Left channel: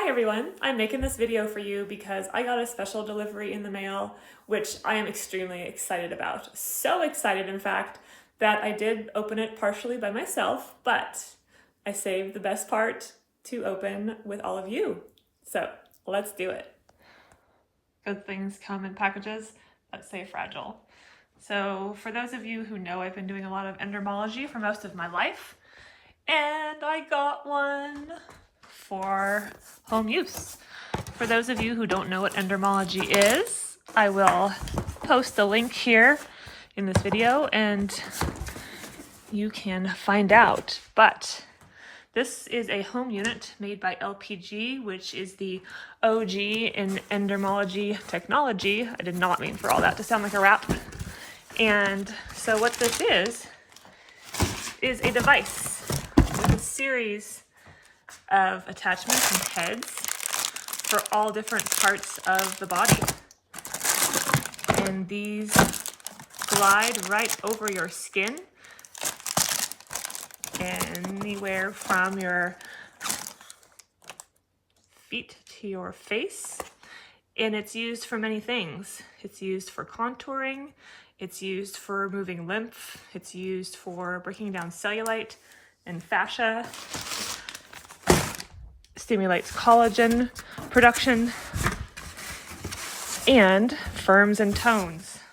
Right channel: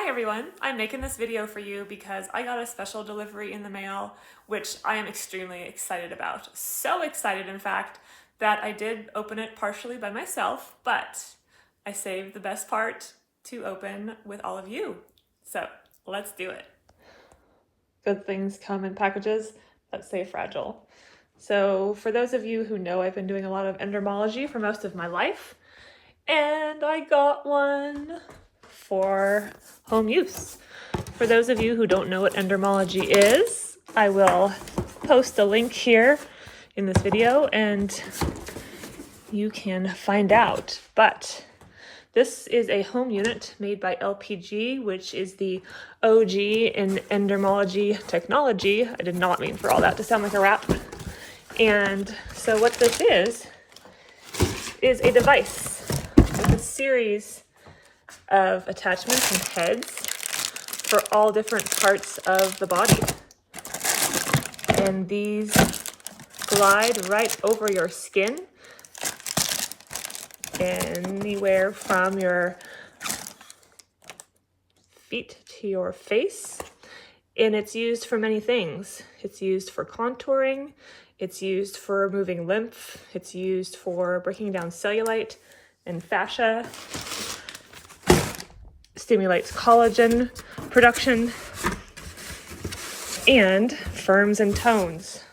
Hi everyone, I'm making this video for you because I got a special delivery in the mail, which I am extremely excited about. So excited, in fact, that I did open it partially by myself, but I saved the best part to open with all of you. So let's do it. Good things come in packages that say fragile. So for those of you who know, I've been doing a lot of endermology for most of my life, and I got one for home use. For those of you who don't know what endermologie is, I will post a link here in this video and you can find out. But this is a home unit made by LPG, which is the OG in endermologie technology. I did not mean for all that to sound like a rap. And so what this is a device with a series of attachments and heads for all different parts of the body. And these glide right over your skin, anywhere from your feet to your face. And it's used for many things. It's used for contouring, it's used for removing lymph, it's used for breaking down cellulite and fascia, stimulates collagen production, and firms and tones.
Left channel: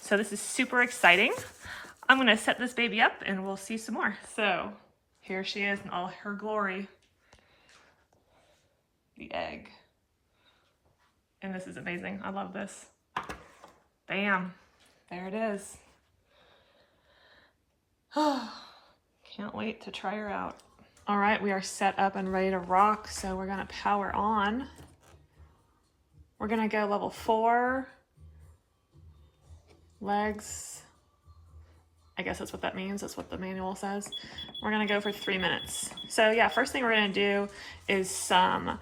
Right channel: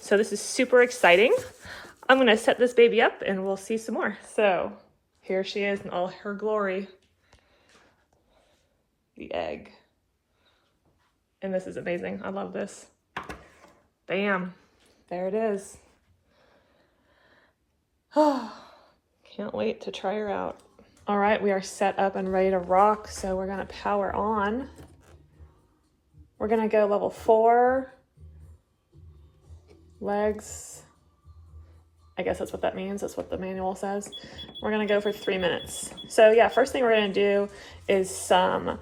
So this is super exciting. I'm gonna set this baby up and we'll see some more. So here she is in all her glory. The egg. And this is amazing. I love this. Bam. There it is. Can't wait to try her out. All right, we are set up and ready to rock, so we're gonna power on. We're gonna go level 4, legs. I guess that's what that means, that's what the manual says. We're gonna go for 3 minutes. So yeah, first thing we're gonna do is some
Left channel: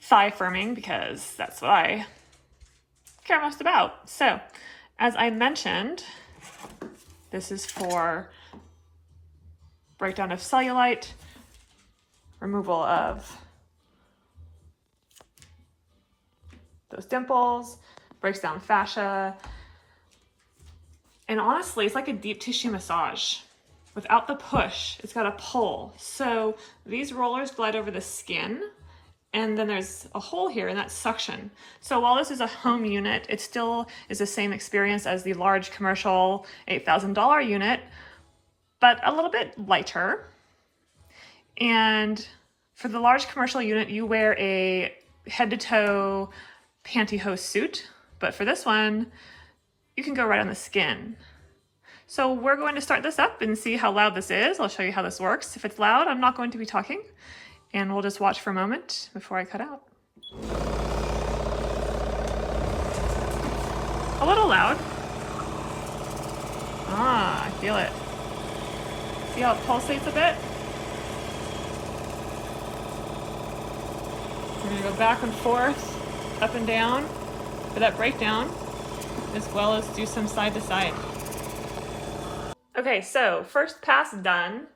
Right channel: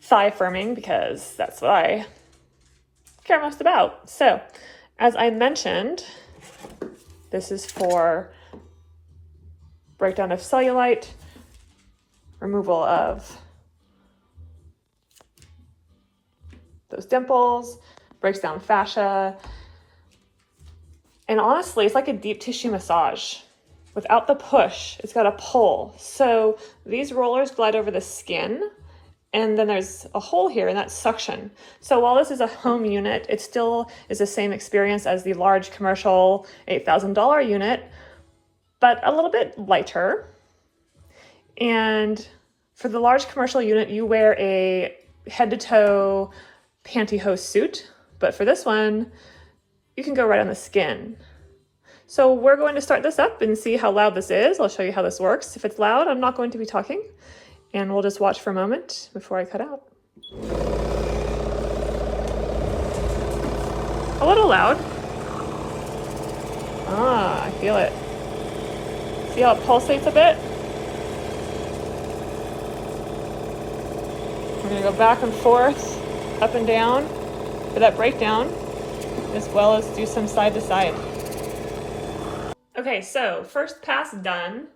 thigh firming because that's what I care most about. So, as I mentioned, this is for breakdown of cellulite, removal of those dimples, breaks down fascia, and honestly, it's like a deep tissue massage. Without the push, it's got a pull. So these rollers glide over the skin, and then there's a hole here, and that's suction. So while this is a home unit, it still is the same experience as the large commercial $8,000 unit, but a little bit lighter. And for the large commercial unit, you wear a head to toe pantyhose suit, but for this one, you can go right on the skin. So we're going to start this up and see how loud this is. I'll show you how this works. If it's loud, I'm not going to be talking, and we'll just watch for a moment before I cut out. A little loud. Ah, I feel it. See how it pulsates a bit? We're gonna go back and forth, up and down for that breakdown, as well as do some side to side. Okay, so first pass done,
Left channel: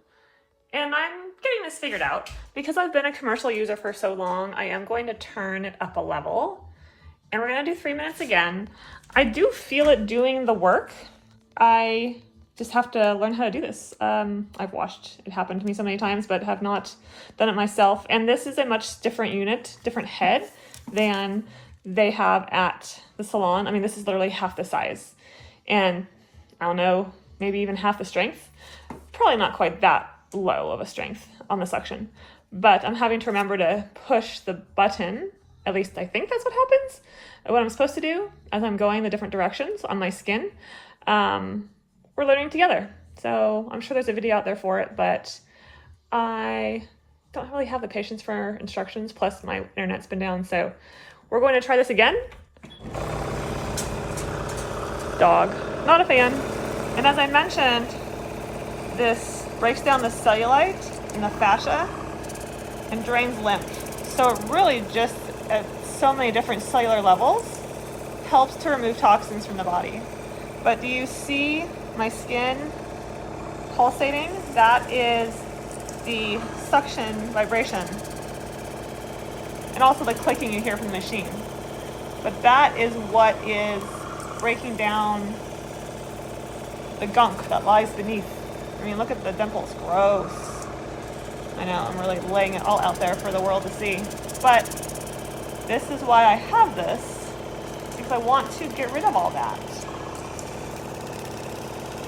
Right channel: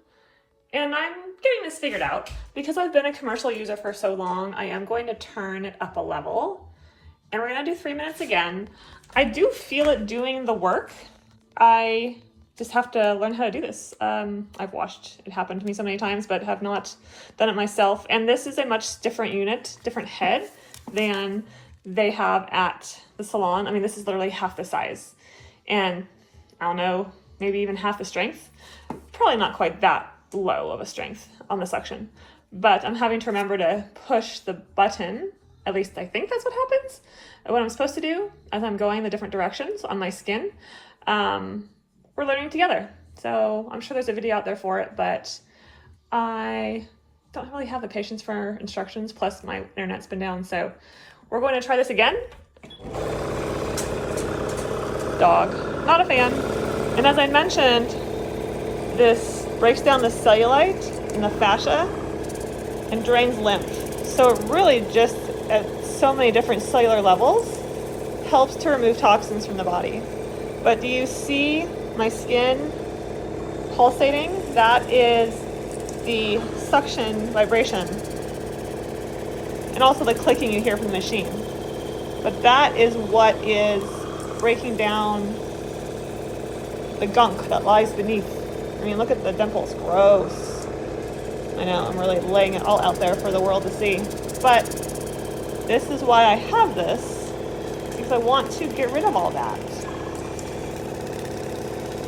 and I'm getting this figured out. Because I've been a commercial user for so long, I am going to turn it up a level, and we're gonna do 3 minutes again. I do feel it doing the work. I just have to learn how to do this. I've watched it happen to me so many times, but have not done it myself. And this is a much different unit, different head than they have at the salon. I mean, this is literally half the size. And I don't know, maybe even half the strength. Probably not quite that low of a strength on the suction. But I'm having to remember to push the button, at least I think that's what happens, what I'm supposed to do as I'm going the different directions on my skin. We're learning together. So I'm sure there's a video out there for it, but I don't really have the patience for instructions, plus my internet's been down, so we're going to try this again. Dog, not a fan. And as I mentioned, this breaks down the cellulite and the fascia and drains lymph. So it really just, at so many different cellular levels, helps to remove toxins from the body. But do you see my skin pulsating? That is the suction vibration. and also the clicking you hear from the machine. But that is what is breaking down the gunk that lies beneath. I mean, look at the dimples, gross. I know, I'm really laying it all out there for the world to see. But this is why I have this, because I want to get rid of all that.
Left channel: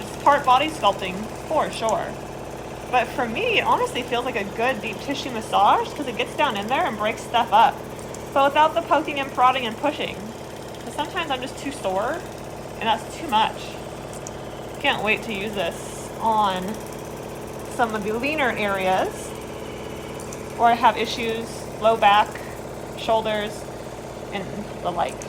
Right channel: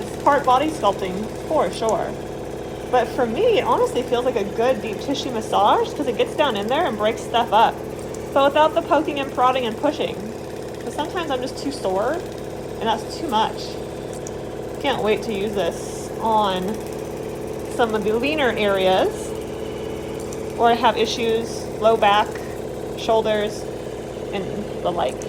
It's part body sculpting, for sure. But for me, it honestly feels like a good deep tissue massage because it gets down in there and breaks stuff up. But without the poking and prodding and pushing. Because sometimes I'm just too sore, and that's too much. Can't wait to use this on some of the leaner areas where I have issues, low back, shoulders, and the like.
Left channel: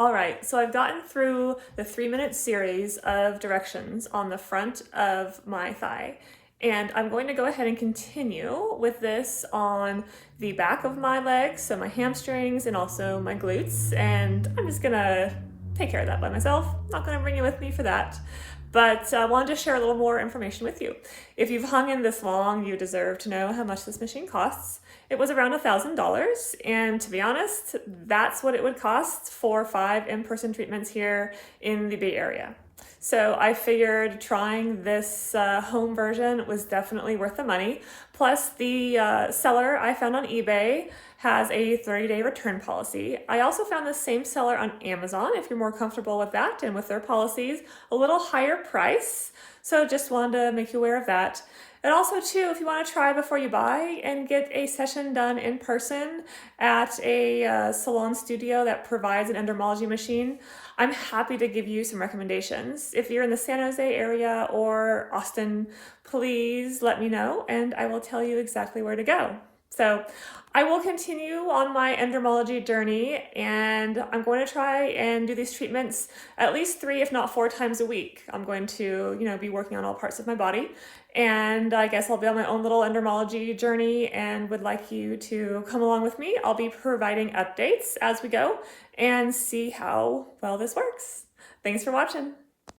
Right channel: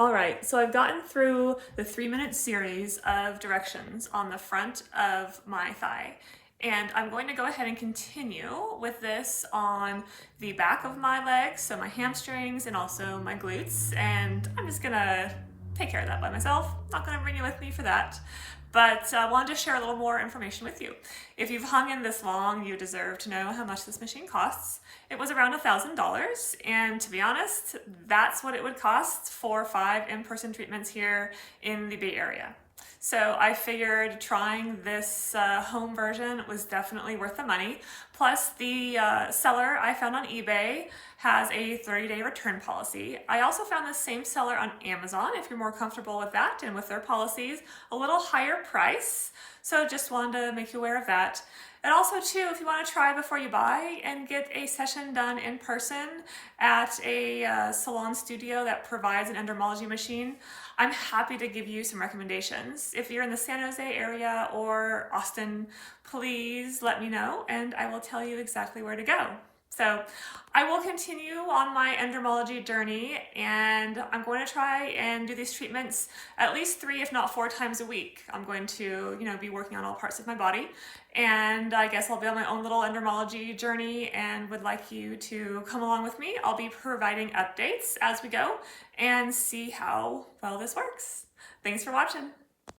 All right, so I've gotten through the 3-minute series of directions on the front of my thigh, and I'm going to go ahead and continue with this on the back of my legs, so my hamstrings and also my glutes, and I'm just gonna take care of that by myself. Not gonna bring you with me for that. But I wanted to share a little more information with you. If you've hung in this long, you deserve to know how much this machine costs. It was around $1,000, and to be honest, that's what it would cost for 5 in-person treatments here in the Bay Area. So I figured trying this home version was definitely worth the money. Plus the seller I found on eBay has a 30-day return policy. I also found the same seller on Amazon, if you're more comfortable with that and with their policies, a little higher price. So just wanted to make you aware of that. And also too, if you want to try before you buy and get a session done in person at a salon studio that provides an endermologie machine, I'm happy to give you some recommendations. If you're in the San Jose area or Austin, please let me know and I will tell you exactly where to go. So I will continue on my endermologie journey, and I'm going to try and do these treatments at least 3, if not 4 times a week. I'm going to, be working on all parts of my body, and I guess I'll be on my own little endermologie journey and would like you to come along with me. I'll be providing updates as we go and see how well this works. Thanks for watching.